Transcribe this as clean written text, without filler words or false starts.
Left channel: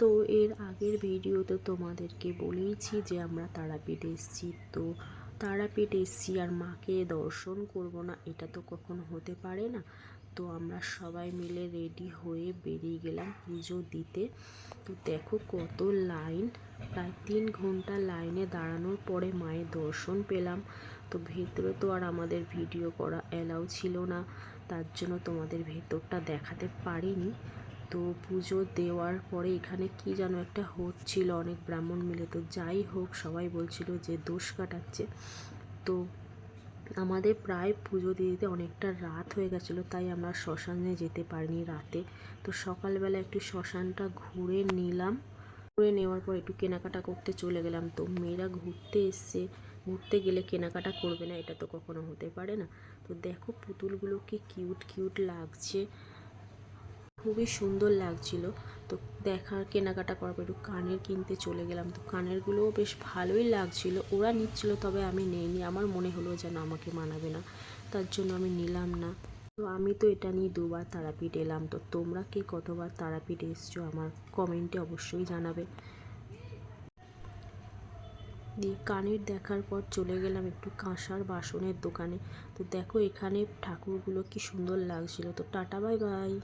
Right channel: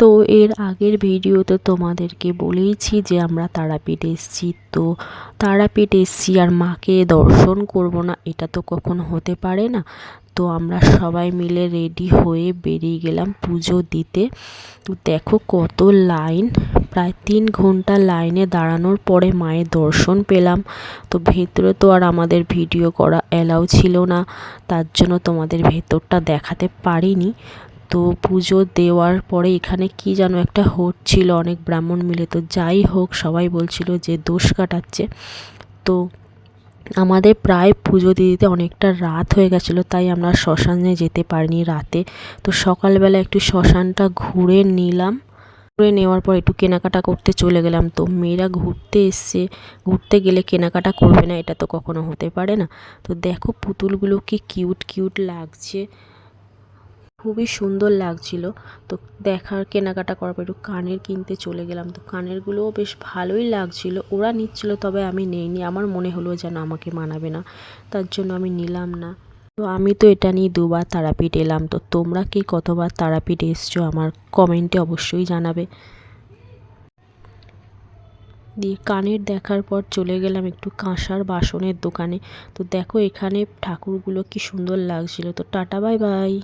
তো এর আগের ভিডিওতে তোমাদেরকে বলেইছি যে আমরা তারাপীঠ এসেছি। তো তারাপীঠ এসেছি আর মাকে দর্শন করব না, এটা তো কখনো হতে পারে না। তো আমরা সবাই মিলে রেডি হয়ে বেরিয়ে গেলাম পুজো দিতে। তো দেখো কত লাইন, প্রায় 3 ঘন্টা লাইনে দাঁড়ানোর পরে মায়ের দর্শন পেলাম। তো ভেতরে তো আর আমাদের ভিডিও করা অ্যালাউ ছিল না, তার জন্য তোমাদের ভেতরটা দেখাতে পারিনি। তো পুজো দেওয়ার পরে এখানে কি যেন একটা হচ্ছিল, অনেক ব্রাহ্মণ মিলে। তো যাই হোক, সবাই বলছিল যে দোষ কাটাচ্ছে। তো আমাদের প্রায় পুজো দিতে অনেকটা রাত হয়ে গেছিলো, তাই আমরা শ্মশানে যেতে পারিনি রাতে। তো সকালবেলা একটু শ্মশানটা ঘুরে নিলাম, ঘুরে নেওয়ার পর একটু কেনাকাটা করতে চলে গেলাম। তো মেয়েরা ঘুরতে এসছে, ঘুরতে গেলে কেনাকাটা করবে না, এটা তো কখনো হতে পারে না। তো দেখো পুতুলগুলো কি কিউট কিউট লাগছে, খুবই সুন্দর লাগছিল। তো দেখার কেনাকাটা করার পর একটু কানের কিনতে চলে গেলাম। তো কানেরগুলোও বেশ ভালোই লাগছিল, ওরা নিচ্ছিল, তবে আমি নেইনি। আমার মনে হলো যেন আমাকে মানাবে না, তার জন্য আমি নিলাম না। তো আমি তো এটা নিয়ে 2বার তারাপীঠ এলাম। তো তোমরা কে কতবার তারাপীঠ এসছো আমার কমেন্টে অবশ্যই জানাবে। দিয়ে কানের দেখার পর চলে গেলাম একটু কাঁসার বাসনের দোকানে। তো দেখো এখানে ঠাকুরগুলো কি সুন্দর লাগছিল। তো টাটা, বাই বাই।